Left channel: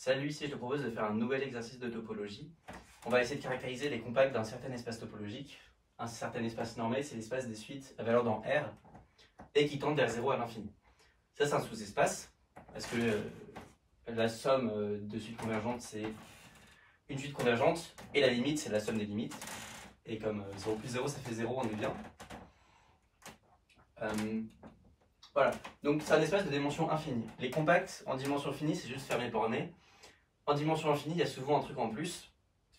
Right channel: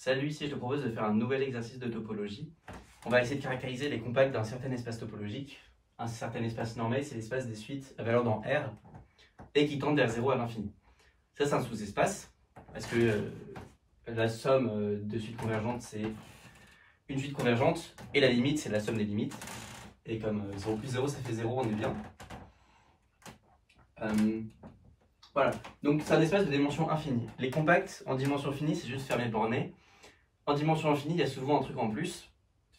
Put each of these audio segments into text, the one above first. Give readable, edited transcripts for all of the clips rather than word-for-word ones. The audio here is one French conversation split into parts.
Salut, ici je te propose de faire un nouvel exercice de topologie. On va essayer de caractériser les compacts d'un certain espace topologique. Un certain espace normé, c'est l'espace des suites à valeur dans R et qui tend vers 0 à l'infini. Ça, c'est un sous-espace parce que la somme de suites convergentes, c'est une suite convergente et la limite, c'est la somme des limites. Et comme 0 plus 0, ça fait 0, on est bien. Voilà, donc c'est un espace de dimension infinie. Les compacts en dimension finie, c'est juste fermé borné. En dimension infinie, il y a souvent un truc en plus.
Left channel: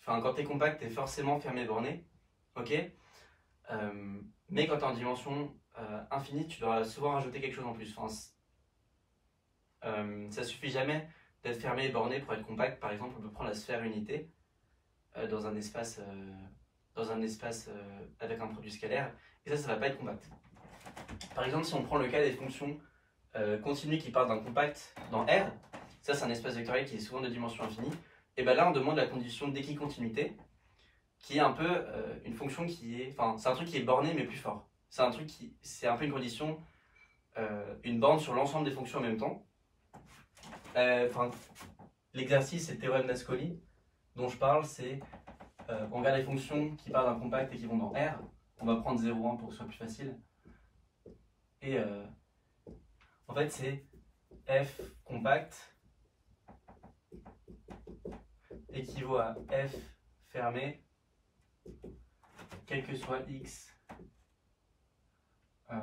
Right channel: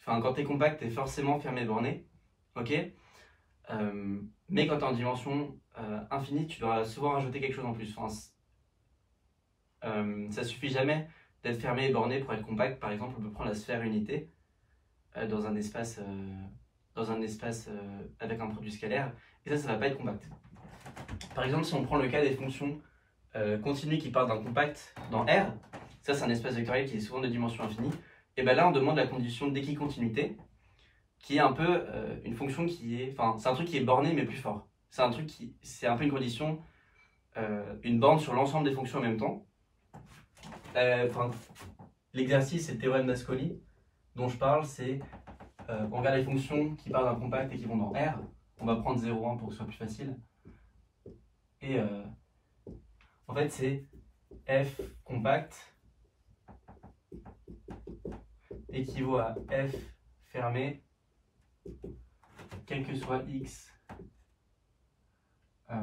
Enfin, quand tu es compact, tu es forcément fermé borné. Ok, mais quand tu es en dimension infinie, tu dois souvent rajouter quelque chose en plus. Enfin, ça suffit jamais d'être fermé et borné pour être compact. Par exemple, on peut prendre la sphère unité dans un espace, avec un produit scalaire. Et ça va pas être compact. Par exemple, si on prend le cas des fonctions continues qui partent d'un compact dans R, ça c'est un espace vectoriel qui est souvent de dimension infinie, et bien là on demande la condition d'équicontinuité, qui est un peu une fonction qui est, enfin c'est un truc qui est borné mais plus fort. C'est un peu une condition, une borne sur l'ensemble des fonctions en même temps. L'exercice, c'est le théorème d'Ascoli dont je parle, c'est on regarde les fonctions qui partent d'un compact et qui vont dans R, on va prendre 0,1 pour que ce soit plus facile. Et en fait, c'est f compact équivaut à f fermé, quel que soit x, f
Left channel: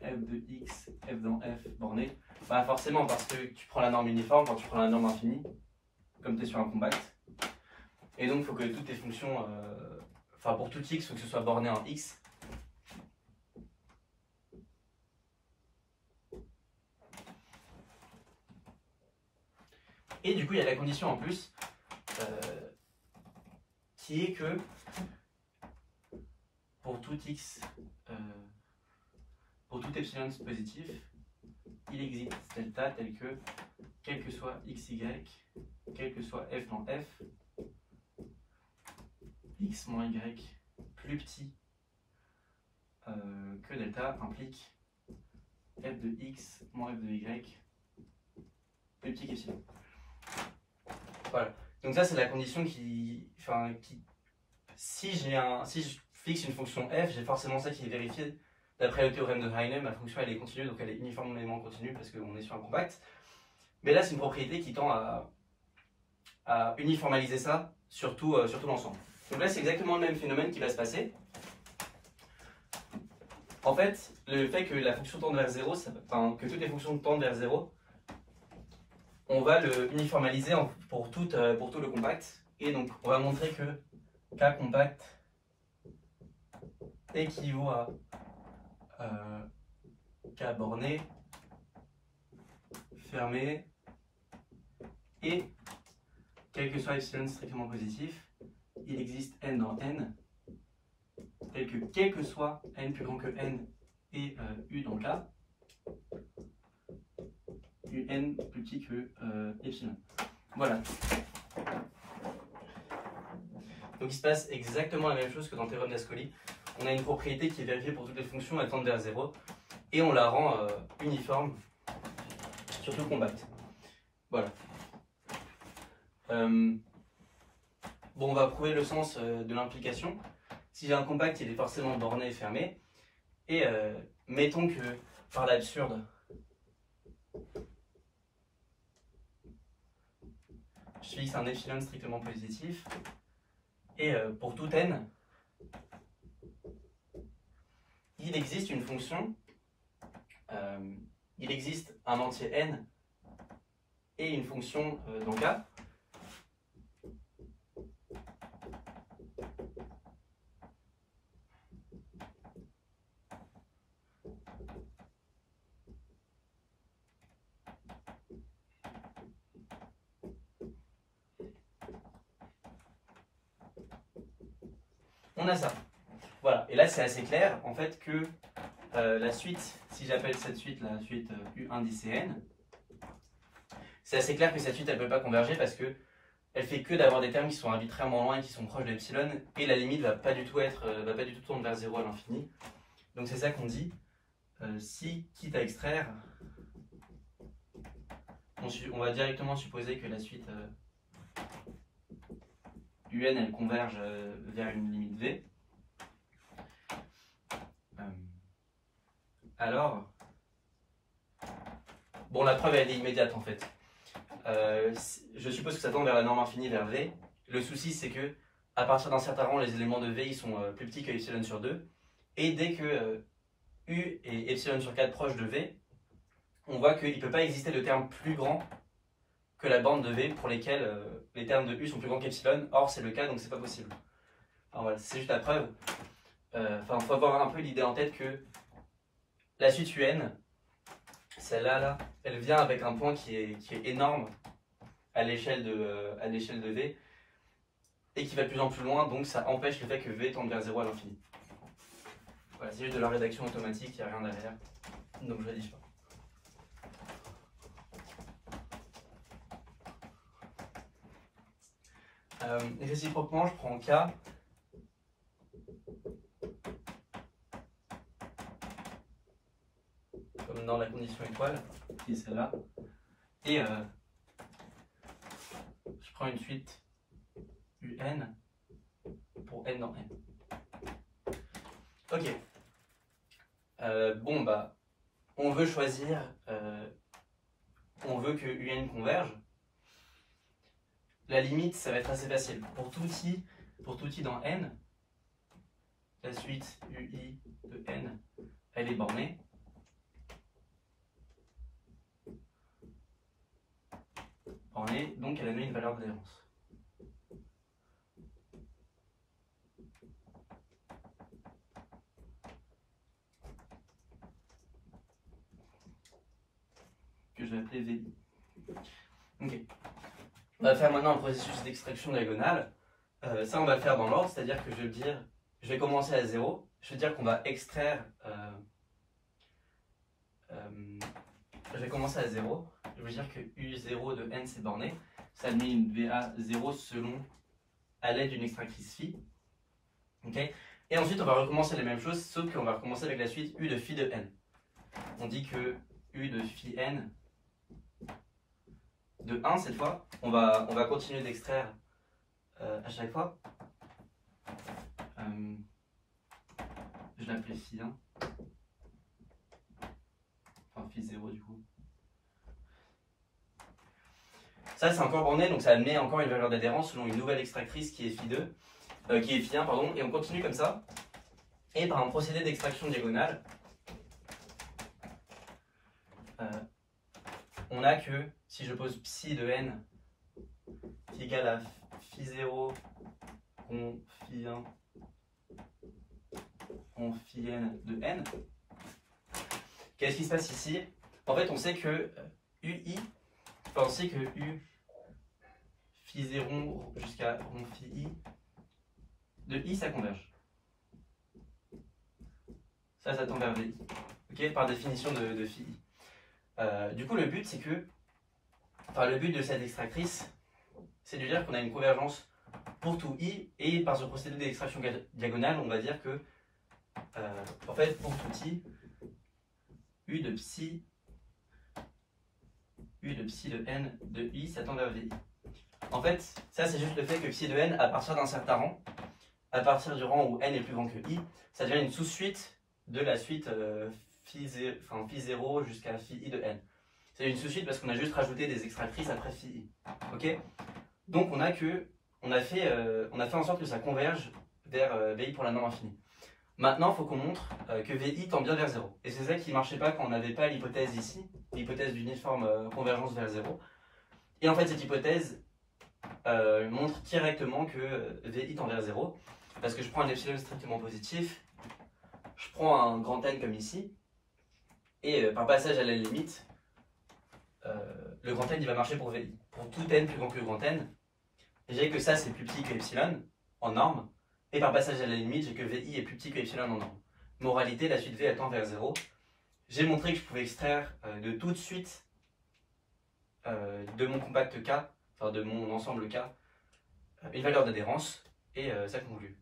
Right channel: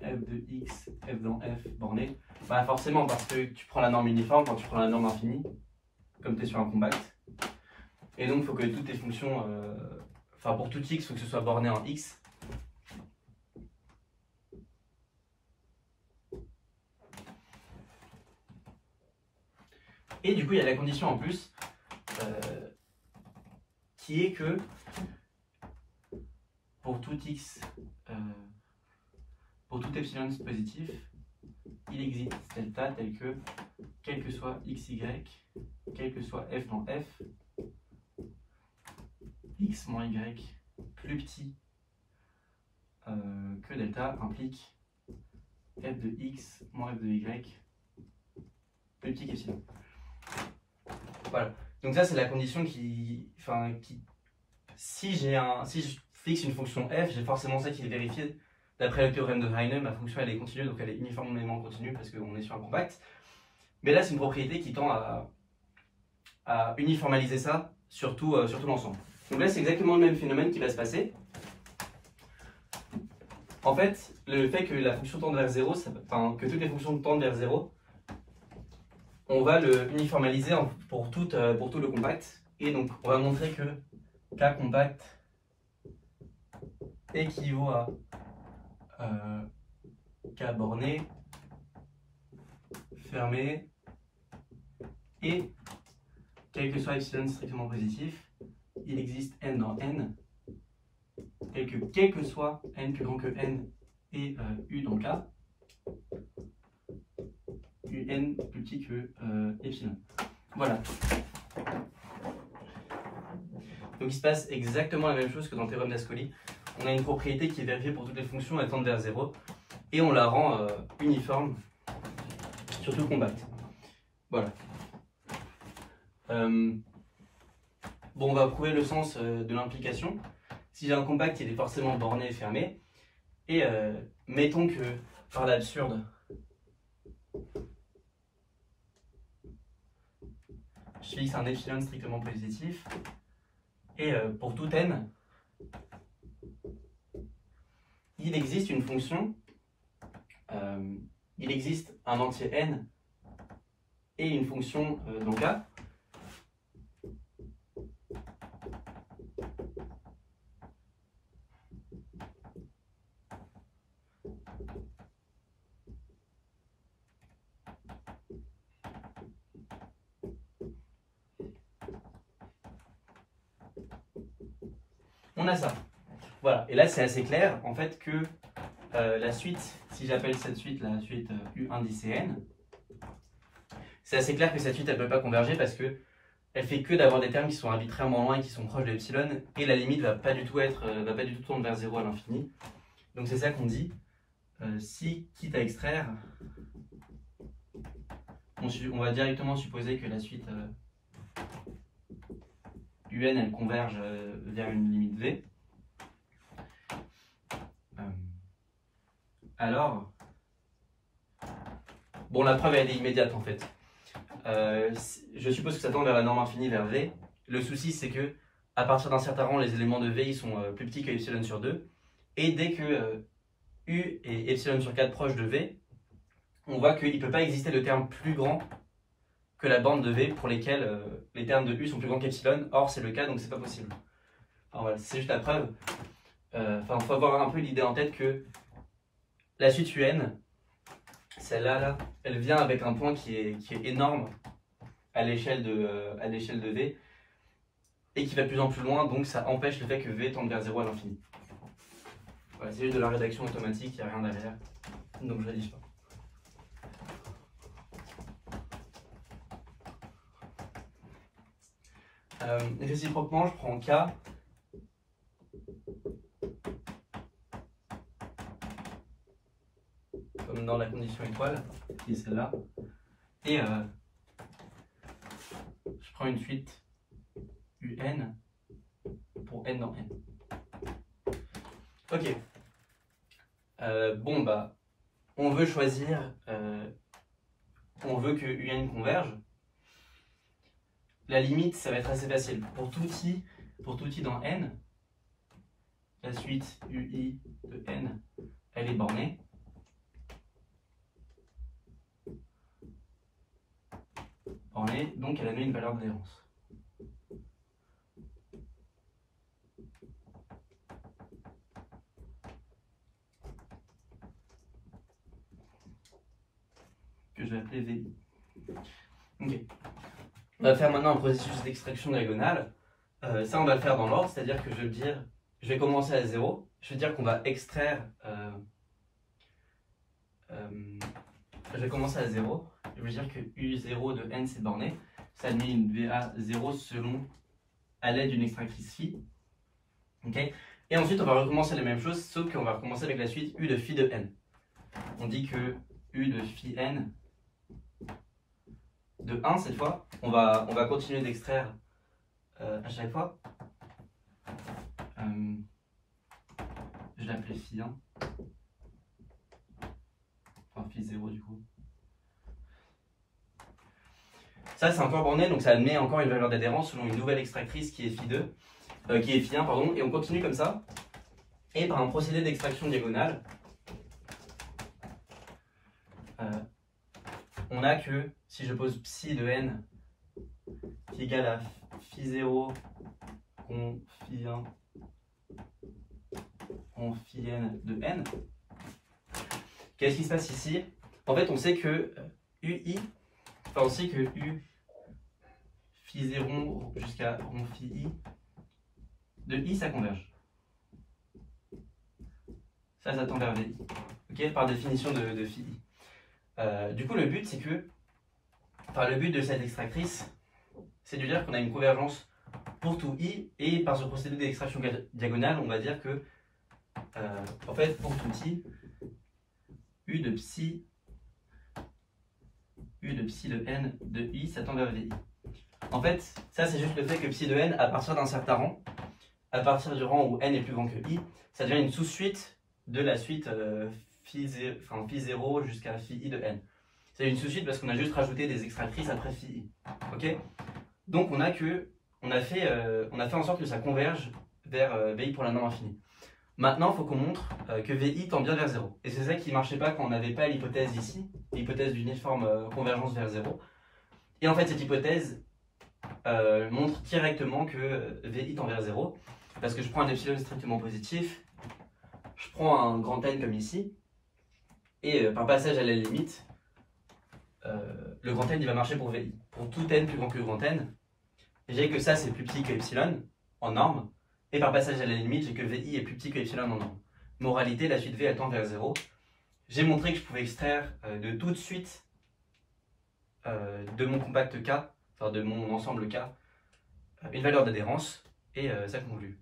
de x, f dans f borné. Bah forcément, parce que tu prends la norme uniforme quand tu prends la norme infinie, comme tu es sur un compact. Et donc, il faut que toutes tes fonctions, pour tout x, il faut que ce soit borné en x. Et du coup, il y a la condition en plus, qui est que pour tout x, pour tout epsilon positif, il existe delta tel que, quel que soit xy, quel que soit f dans f, x moins y plus petit que delta implique f de x moins f de y plus petit qu'epsilon. Voilà. Donc ça c'est la condition si je fixe une fonction f, j'ai forcément ça qui est vérifié. D'après le théorème de Heine, ma fonction elle est continue, donc elle est uniformément continue parce qu'on est sur un compact. Mais là c'est une propriété qui tend à uniformaliser ça sur tout l'ensemble. Donc là c'est exactement le même phénomène qui va se passer. En fait, le fait que la fonction tende vers 0, que toutes les fonctions tendent vers 0, on va le uniformaliser pour tout le compact. Et donc, on va montrer que K compact équivaut à K borné, fermé, et quel que soit epsilon strictement positif, il existe n dans n, et que quel que soit n plus grand que n et u dans K, un plus petit que epsilon. Voilà. Donc il se passe exactement la même chose que dans le théorème d'Ascoli. On a une propriété qui est vérifiée pour toutes les fonctions, elles tendent vers 0, et on la rend uniforme sur tout le compact. Voilà. Bon, on va prouver le sens de l'implication. Si j'ai un compact qui est forcément borné et fermé, et mettons que par l'absurde, je fixe un epsilon strictement positif, et pour tout n, il existe une fonction, il existe un entier n et une fonction dans K. On a ça. Voilà. Et là, c'est assez clair, en fait, que la suite, si j'appelle cette suite la suite U indice n, c'est assez clair que cette suite, elle ne peut pas converger parce que elle fait que d'avoir des termes qui sont arbitrairement loin et qui sont proches de epsilon, et la limite va pas du tout tendre vers 0 à l'infini. Donc c'est ça qu'on dit, si, quitte à extraire, on va directement supposer que la suite UN elle converge vers une limite V. Alors, bon, la preuve elle est immédiate en fait. Je suppose que ça tend vers la norme infinie vers V. Le souci c'est que à partir d'un certain rang, les éléments de V ils sont plus petits que epsilon sur 2. Et dès que U est epsilon sur 4 proche de V, on voit qu'il ne peut pas exister de termes plus grands que la bande de V pour lesquels les termes de U sont plus grands qu'epsilon. Or, c'est le cas, donc c'est pas possible. Alors voilà, c'est juste la preuve. Enfin, il faut avoir un peu l'idée en tête que la suite UN, celle-là, là, elle vient avec un point qui est énorme à l'échelle de V et qui va de plus en plus loin, donc ça empêche le fait que V tende vers 0 à l'infini. Voilà, c'est juste de la rédaction automatique, il n'y a rien derrière, donc je la dis pas. Réciproquement, je prends K comme dans la condition étoile, qui est celle-là, et je prends une suite UN pour N dans N. Ok. Bon, bah, on veut choisir, on veut que UN converge. La limite, ça va être assez facile. Pour tout i dans N, la suite UI de N, elle est bornée. Donc elle a donné une valeur d'adhérence. Que je vais appeler VI. Ok. On va faire maintenant un processus d'extraction diagonale. Ça, on va le faire dans l'ordre, c'est-à-dire que je vais commencer à 0. Je veux dire qu'on va extraire. Je vais commencer à 0. Je veux dire que U0 de N c'est borné. Ça met une VA 0 selon à l'aide d'une extractrice phi. Okay. Et ensuite, on va recommencer la même chose, sauf qu'on va recommencer avec la suite U de phi de N. On dit que U de phi N de 1 cette fois, on va continuer d'extraire à chaque fois. Je vais l'appeler phi 1. Enfin phi 0 du coup. Ça c'est encore borné, donc ça admet encore une valeur d'adhérence selon une nouvelle extractrice qui est phi 2, qui est phi 1 pardon, et on continue comme ça. Et par un procédé d'extraction diagonale, on a que si je pose psi de n qui est égal à phi 0 con phi 1 con phi n de n, qu'est-ce qui se passe ici? En fait, on sait que UI, enfin on sait que U phi 0 jusqu'à rond phi I de I ça converge. Ça tend vers VI. Okay, par définition de phi I. Du coup, le but, c'est que, enfin, le but de cette extractrice, c'est de dire qu'on a une convergence pour tout I, et par ce procédé d'extraction diagonale, on va dire que, en fait, pour tout I, U de psi de n de I, ça tend vers VI. En fait, ça, c'est juste le fait que psi de n, à partir d'un certain rang, à partir du rang où n est plus grand que I, ça devient une sous-suite de la suite phi 0 jusqu'à phi I de n. C'est une sous-suite parce qu'on a juste rajouté des extractrices après phi I. Ok. Donc on a fait en sorte que ça converge vers VI pour la norme infinie. Maintenant, il faut qu'on montre que VI tend bien vers 0. Et c'est ça qui ne marchait pas quand on n'avait pas l'hypothèse ici, l'hypothèse d'uniforme convergence vers 0. Et en fait, cette hypothèse montre directement que VI tend vers 0. Parce que je prends un epsilon strictement positif, je prends un grand N comme ici, et par passage à la limite, le grand N il va marcher pour VI. Pour tout N plus grand que le grand N, j'ai que ça c'est plus petit que epsilon en norme, et par passage à la limite, j'ai que VI est plus petit que epsilon en norme. Moralité, la suite V elle tend vers 0. J'ai montré que je pouvais extraire de toute suite de mon compact K, enfin de mon ensemble K, une valeur d'adhérence, et ça conclut.